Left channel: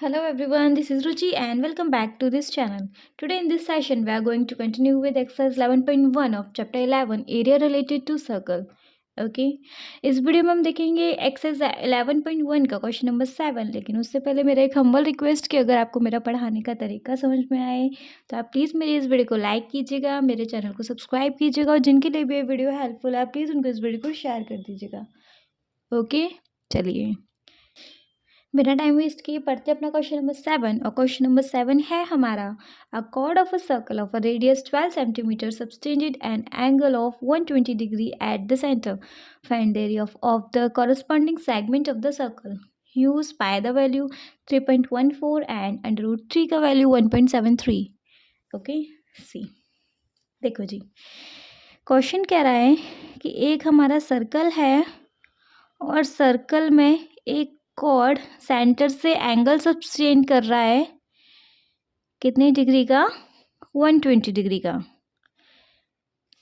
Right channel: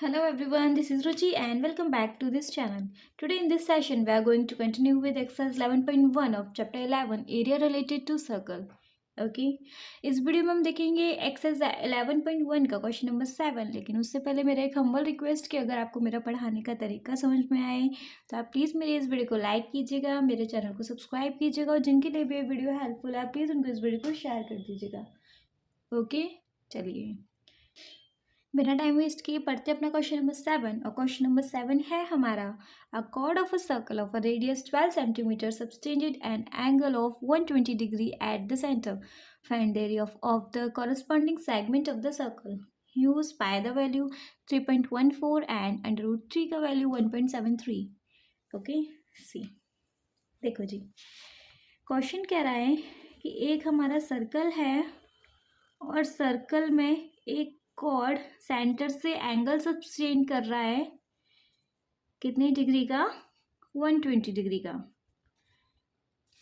Hello everyone, this is Ruchi and welcome back to this channel. Today in this session we are going to continue with exercise 11.1 of chapter 11 area related to circle. Okay इस video में हम देखेंगे exercise 11.1 का question number 7। लेकिन उससे पहले मेरा एक हम्बल रिक्वेस्ट कि अगर आपको मेरा पढ़ाने का तरीका समझ में आए तो आप प्लीज़ मेरी इस वीडियो को लाइक कीजिएगा, मेरे चैनल को सब्सक्राइब कीजिएगा और जिनके लिए भी ये वीडियो हेल्पफुल है प्लीज़ उनको इस वीडियो को शेयर कर दीजिएगा। ओके चलिए बिना टाइम वेस्ट किए पढ़ते अपना क्वेश्चन नंबर 7। और क्वेश्चन नंबर 7 है हमारा a chord of a circle of a radius 12 centimetre subtended an angle of 120 degree at the centre. Find the area of the corresponding segment of the circle. Use pi the value 3.14 and under root 3 का value 1.73। Okay सी देखो जी, question कह रहा है कि एक हमारा circle है और सर्कल में एक कॉर्ड सेंटर से एंगल सब्सटेंड कर रहा है कितने डिग्री का, 120 डिग्री का।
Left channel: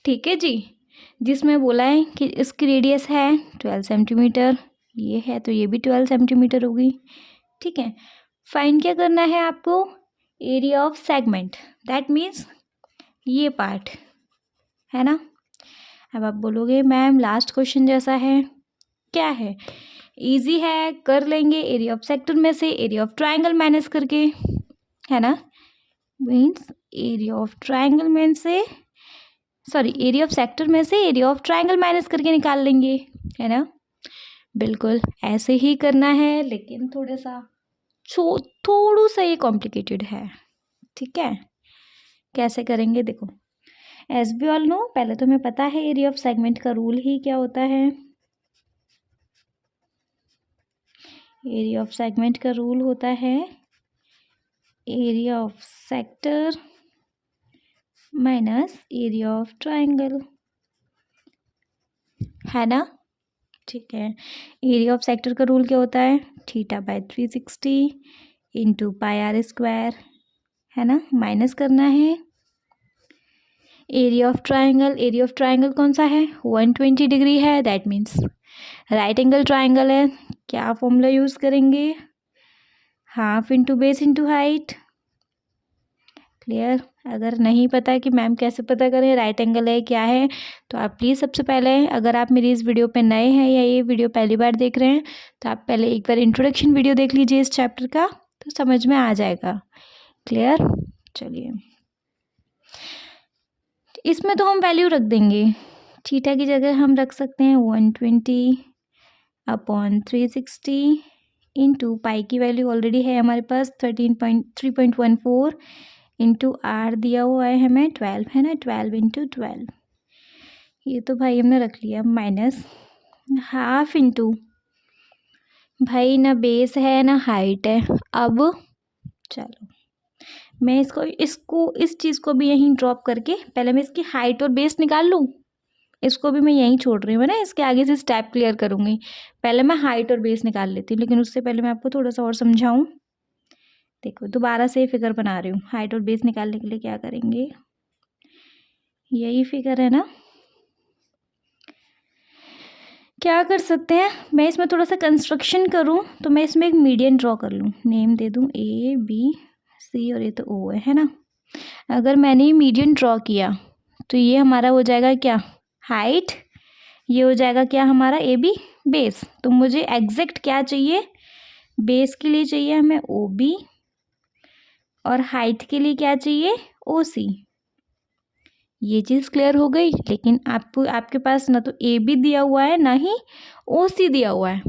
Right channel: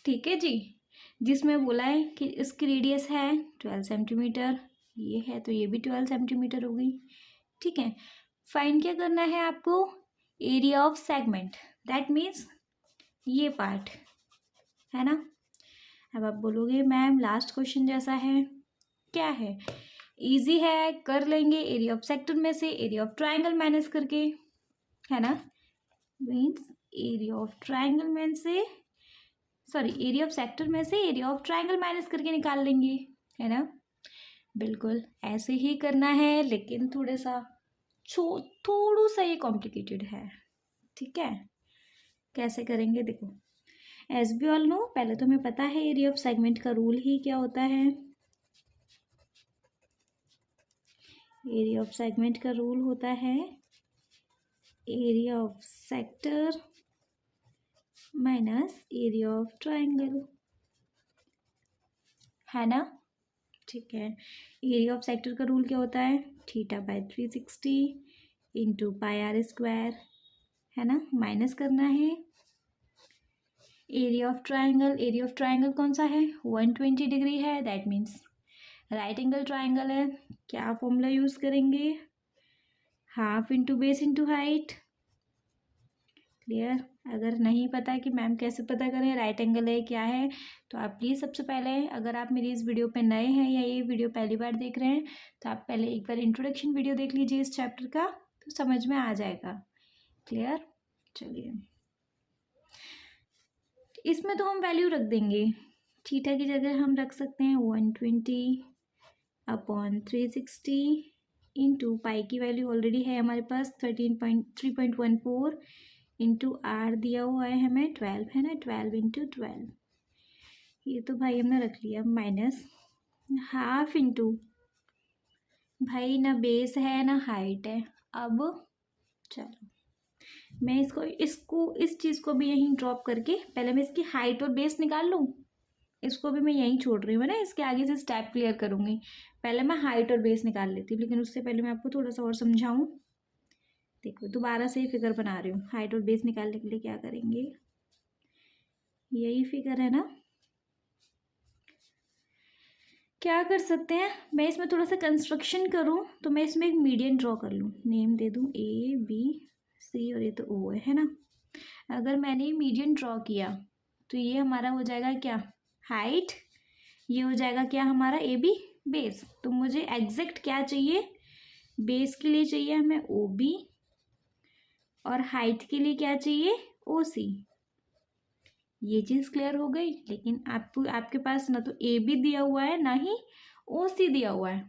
ठीक है जी, जिसमें बोला है कि इसकी रेडियस है 12 सेंटीमीटर, ये है तो ये भी 12 सेंटीमीटर होगी। ठीक है, फाइंड क्या करना है आपको, area of segment, that means ये पार्ट है ना। अब आप बोलोगे मैम लास्ट क्वेश्चन जैसा है, क्या है, इजी है, कर लेंगे। एरिया ऑफ सेक्टर में से एरिया ऑफ ट्रायंगल माइनस करके, है ना, मीन्स एरिया ऑफ ट्रायंगल में से एरिया ऑफ सेक्टर में से एरिया ऑफ ट्रायंगल माइनस करके निकाल लेंगे, है ना। बिल्कुल ऐसे ही करना है, लेकिन थोड़ा सा ये कॉम्प्लिकेटेड है। ठीक है, कैसे करेंगे देखो, एज बी ऑल नो, पहले तो हमें पता है एरिया ऑफ सेगमेंट का रूल ही क्या होता है। एरिया ऑफ सेगमेंट का रूल होता है area of sector minus area of triangle, है ना। ठीक है, एरिया ऑफ सेक्टर का रूल क्या होता है, θ/360 इंटू πr², है ना, माइनस करना है एरिया ऑफ ट्रायंगल कौन सा है, 120 डिग्री है, that means right angle triangle है। क्या फॉर्मूला यूज़ करेंगे, half into base into height. Clear, अगर नहीं पता कि मैम कैसे पता करें राइट एंगल है क्या है, तो आप प्लीज़ सबसे पहले, अगर आप मेरी इस वीडियो पे नए हैं या ये वीडियो पहली बार देख रहे हैं, तो आप पहले एक बार इंट्रोडक्शन वीडियो देख लीजिए इस चैप्टर का, तो समझ में आ जाएगा। क्लियर, चलिए इसमें तो हम वैल्यू रख देंगे, थीटा की जगह हम रख सकते हैं 120/360 इंटू पाई की वैल्यू ऑलरेडी है हमारे पास 3.14 इंटू आर दिया हुआ है हमें 12, है ना, 12 इंटू 12, ये तो भाई हमने रख लिया, माइनस हाफ इंटू, भाई ना बेस है ना हाइट है। अब चलो मैं इस चीज़ को भी यहीं ड्रॉप करके पहले मैं इसकी हाइट और बेस निकाल लूँ, इसको भी मैं यहीं छोड़ रही हूँ, है ना, इसके आगे से स्टेप क्लियर करूँगी। पहले मैं हाइट और बेस निकाल लेती हूँ, लेकिन उससे पहले मैं आपको थोड़ा सा और समझाऊँ। देखो दोबारा से फिगर बना रही हूँ, हाइट और बेस निकालने के लिए क्या करेंगे, यही फिगर है ना, क्या कर सकते हैं, मैं इसमें थोड़ा सा कंस्ट्रक्शन करूँ तो मैं इसमें एक मीडियन ड्रॉ कर लूँ, नेम दे दूँ ABC और ये तो O है ना। अगर मैंने ये मीडियन ड्रॉ किया तो ये हमारा हो जाएगा क्या, हाइट, ये हो जाएगा क्या हमारा AB बेस। तो मुझे एग्जैक्ट क्या चाहिए, बेस के लिए चाहिए हमें OB और हाइट के लिए क्या चाहिए, OC। ये चीज़ क्लियर हो गई, लेकिन आपके पास ना तो AB दिया हुआ है ना ही OC दिया हुआ है,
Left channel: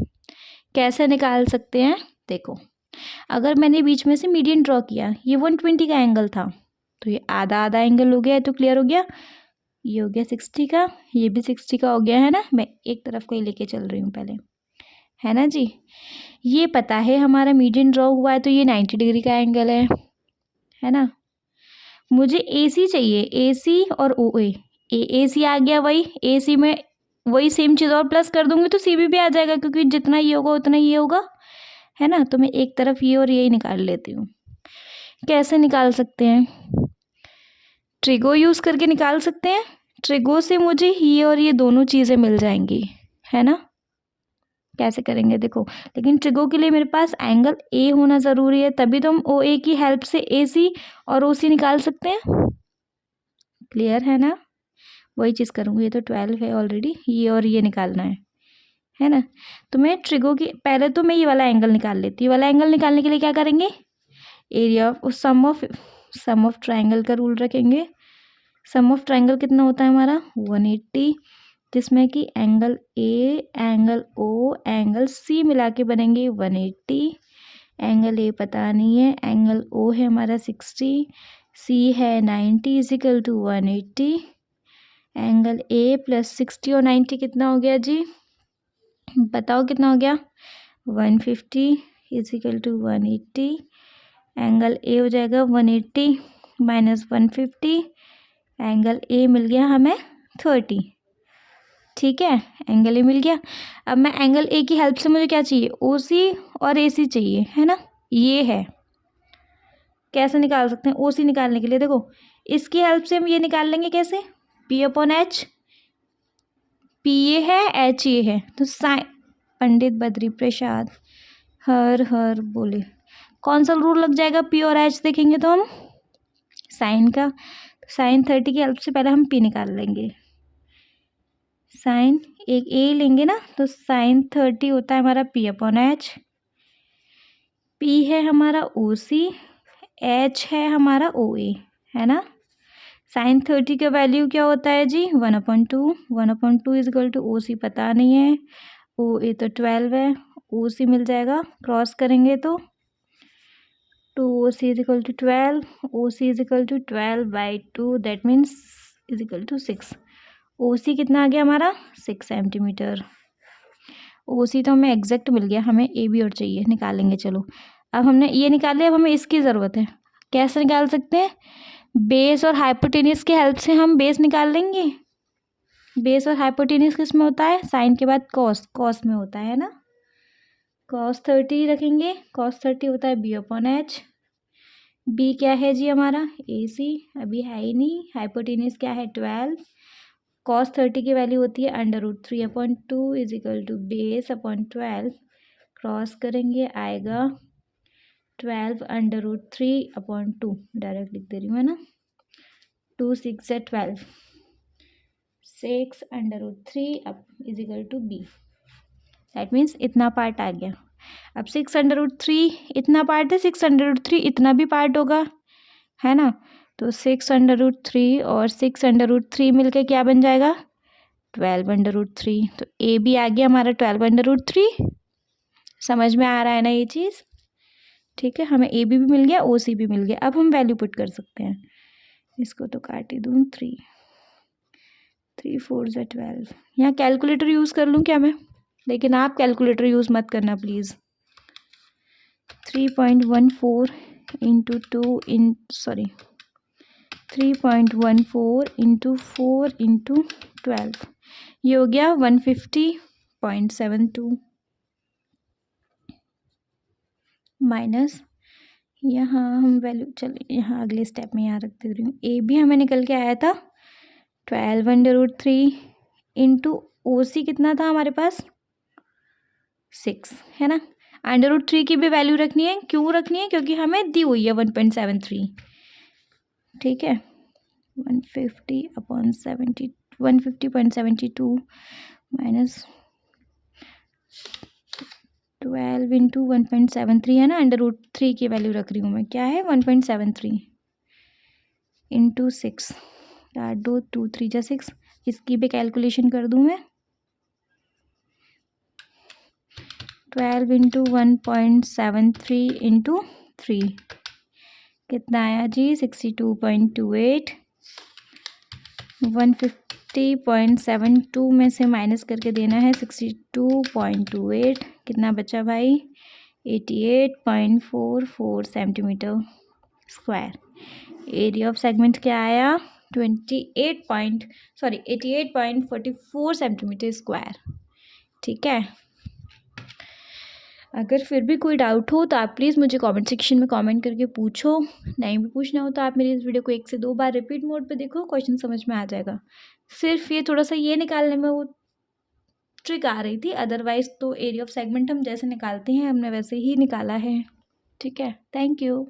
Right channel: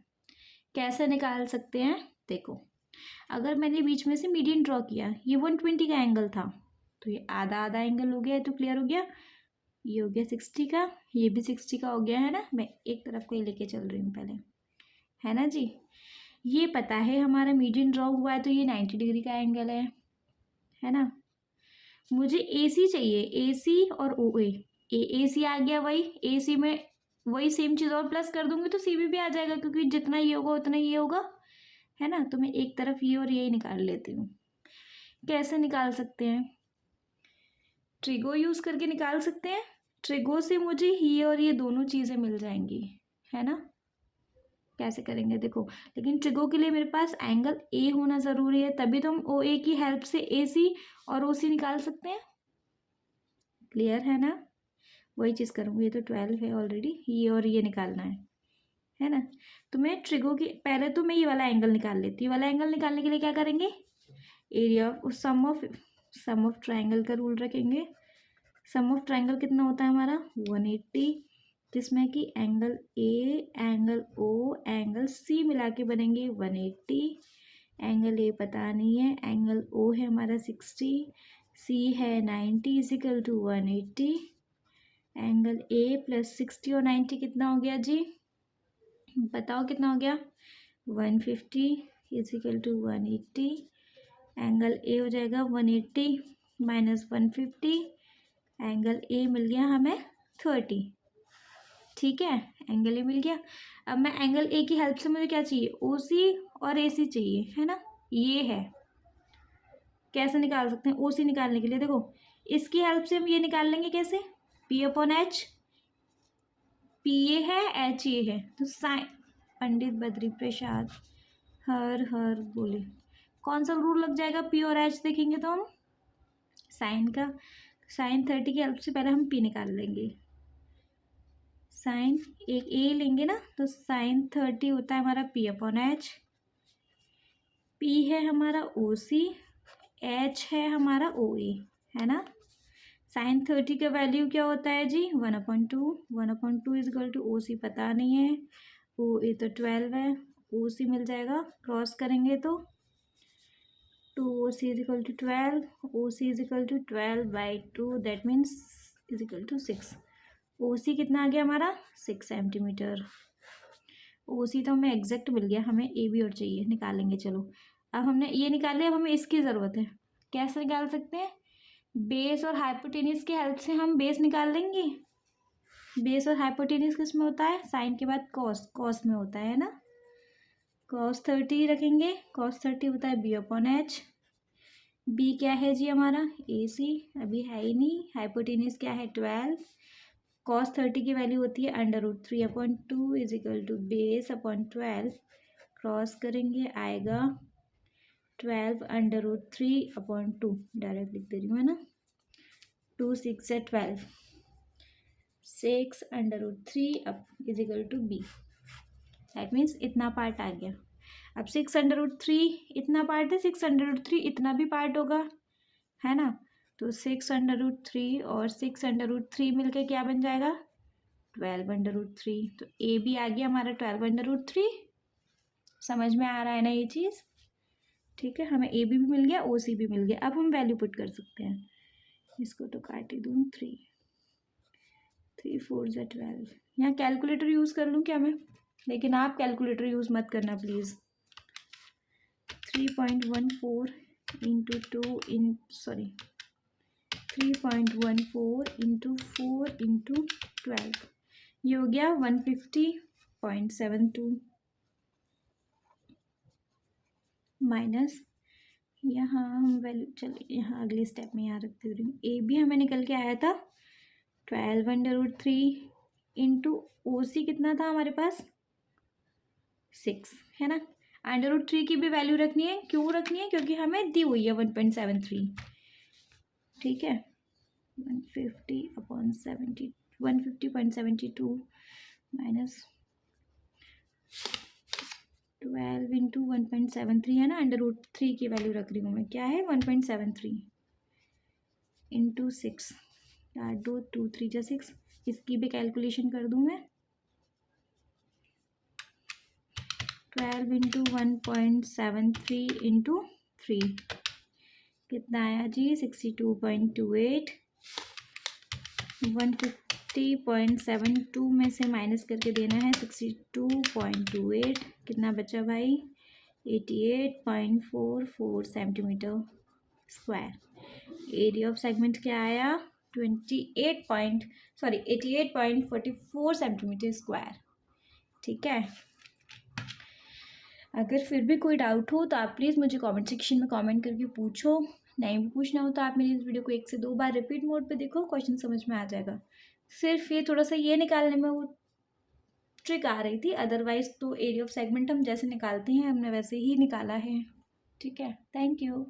कैसे निकाल सकते हैं देखो, अगर मैंने बीच में से मीडियन ड्रॉ किया, ये 120 का एंगल था तो ये आधा आधा एंगल हो गया है, तो क्लियर हो गया, ये हो गया 60 का, ये भी 60 का हो गया, है ना। मैं एक तरफ को ही लेके चल रही हूँ पहले, है ना जी। ये पता है हमारा मीडियन ड्रॉ हुआ है तो ये 90 डिग्री का एंगल है ना। मुझे AC चाहिए, AC और OA, AC आ गया, वही AC में वही सेम चीज़ और प्लस कर दूंगी तो CB भी आ जाएगा, क्योंकि जितना ये होगा उतना ये होगा, है ना। तो मैं एक तरफ ये और यही निकाल लेती हूँ। कैसे निकाल सकते हैं, ट्रिगो यूज़ करके निकाल सकते हैं, ट्रिगो से मुझे ये और ये दोनों चीज़ें मिल जाएंगी, है ना। कैसे करेंगे देखो, लेकिन ट्रिगो के लिए मेरे पास एंगल ए होना ज़रूरी है, तभी तो हम ओ ए की हेल्प से ए सी और ओ सी निकाल सकते हैं। क्लियर है ना? वही चीज़ करूँगी। ये तो 12 है ऑलरेडी, ये और ये निकालना है ना? तो मैं ट्रिगो की पहले तो मैं ये वाला एंगल निकाल लेती हूँ। ये वाला एंगल निकालने के लिए क्या करेंगे, area of sum of triangle का रूल रखेंगे। सम ऑफ ट्राइंगल कितना होता है हमारा 180, जिसमें कि angle A, angle O, angle C मिला के बनेंगे 180। एंगल ए पता नहीं है, एंगल ओ है हमारा 60, सी है 90 is equal to 180। Angle A plus 60 और 90 कितना हो गया जी, बताओ कितना हो गया 150 इजिकल टू 180। एंगल ए हो जाएगा 180 माइनस 150, एंगल ए मिल गया हमें 30। ठीक है, एंगल ए मिल गया। अब मैं एंगल ए की हेल्प से मुझे क्या चाहिए, ओ सी और ए सी चाहिए, है ना? ये है, कैसे निकाल सकते हैं ओ सी निकालने के लिए, देखो इसकी हेल्प से हम ये निकाल लेंगे कैसे, P upon H, P A है एच ए है, तो साइन, पंडित बद्री प्रसाद हर हर बोले, कौन सा रूल लग जाएगा, पी और एच देखेंगे तो हम साइन का, साइन 30 की हेल्प से पहले हम पी निकाल लेंगे। साइन एक ए लेंगे ना, तो साइन 30 होता है हमारा पी अपॉन एच। पी है हमारा ओ सी, एच है हमारा ओ ए, है ना? साइन 30 का वैल्यू क्या होता है जी 1/2, 1/2 इजकल टू ओ सी पता नहीं है, ओ ए तो 12 है, ओ सी मिल जाएगा, क्रॉस करेंगे तो 2OC is equal to 12, OC is equal to 12/2, that means is equal to 6। OC कितना आ गया हमारा 6 सेंटीमीटर। OC तो हमें एग्जैक्ट मिल गया, हमें ए बी और चाहिए, निकालेंगे। चलो अब हमने ये निकाल लिया, अब हमें इसकी ज़रूरत है। कैसे निकाल सकते हैं, बेस और हाइपोटेनियस की हेल्प से हम बेस निकाल लेंगे। बेस और हाइपोटेनियस किस में होता है, साइन के बाद कॉस, कॉस में होता है ना? cos 30 रखेंगे, cos 30 होता है बी अपॉन एच। बी क्या है जी हमारा ए सी, अभी है ही नहीं। हाइपोटेनियस क्या है 12, cos 30 की वैल्यू होती है √3/2 is equal to base upon 12, cross करेंगे आएगा 12√3/2, डायरेक्ट लिख दे रही हूँ है ना, 2 6 है 12, 6√3 is equal to B, that means इतना पार्ट आ गया। अब 6√3 इतना पार्ट है, 6√3 इतना भी पार्ट होगा, है ना? तो 6√3 और 6√3 मिलके क्या बन जाएगा 12√3। तो ए भी आ गया हमारा 12√3। समझ में आ रहा है ना ये चीज़? ठीक है, हमें ए बी भी मिल गया, ओ सी भी मिल गया। अब हम वैल्यू पुट कर सकते हैं, इसको तो काट ही दूँ, 3 4 12। यहाँ कैलकुलेटर यूज़ कर लूँ क्या मैं, लेकिन आप कैलकुलेटर यूज़ मत करना प्लीज़। 3.14 इंटू 3.14 इंटू 4 इंटू 12, ये हो गया 150.72 माइनस, यहाँ हम वैल्यू, चलिए यहाँ अगले स्टेप में यहाँ रख दे रही हूँ। ए भी हमें निकल के आया था 12√3 इंटू ओ सी कितना था हमारे पास 6, है ना? √3 की भी वैल्यू रखनी है, क्यों रखनी है, क्योंकि हमें दी हुई है 1.73। ठीक है, 150.72 माइनस 12 इंटू 1.73 है ना, √3 की वैल्यू रख रही हूँ मैं, क्या है 1.73 इंटू 6, 2 2 3 जा 6, इसकी भी कैलकुलेशन कर दूँ मैं। 12 इंटू 1.73 इंटू 3 कितना आया जी 62.28। 150.72 में से माइनस करके देना है 62.28, कितना बचा भाई 88.44 centimetre square. Area of segment क्या आया 88.44 सेंटीमीटर स्क्वायर। ठीक है, अगर फिर भी कोई डाउट हो तो आप प्लीज़ मुझे कमेंट सेक्शन में कमेंट करके पूछो, नहीं भी पूछना हो तो आप मेरी इस वीडियो को 1 से 2 बार रिपीट मोड पे देखो, क्वेश्चन समझ में आ जाएगा। सिर्फ ये थोड़ा सा ये निकालने में वो ट्रिक आ रही थी, अदरवाइज तो एरिया ऑफ सेगमेंट हम जैसे निकालते हैं हमने वैसे ही निकाला है। ठीक है, थैंक यू।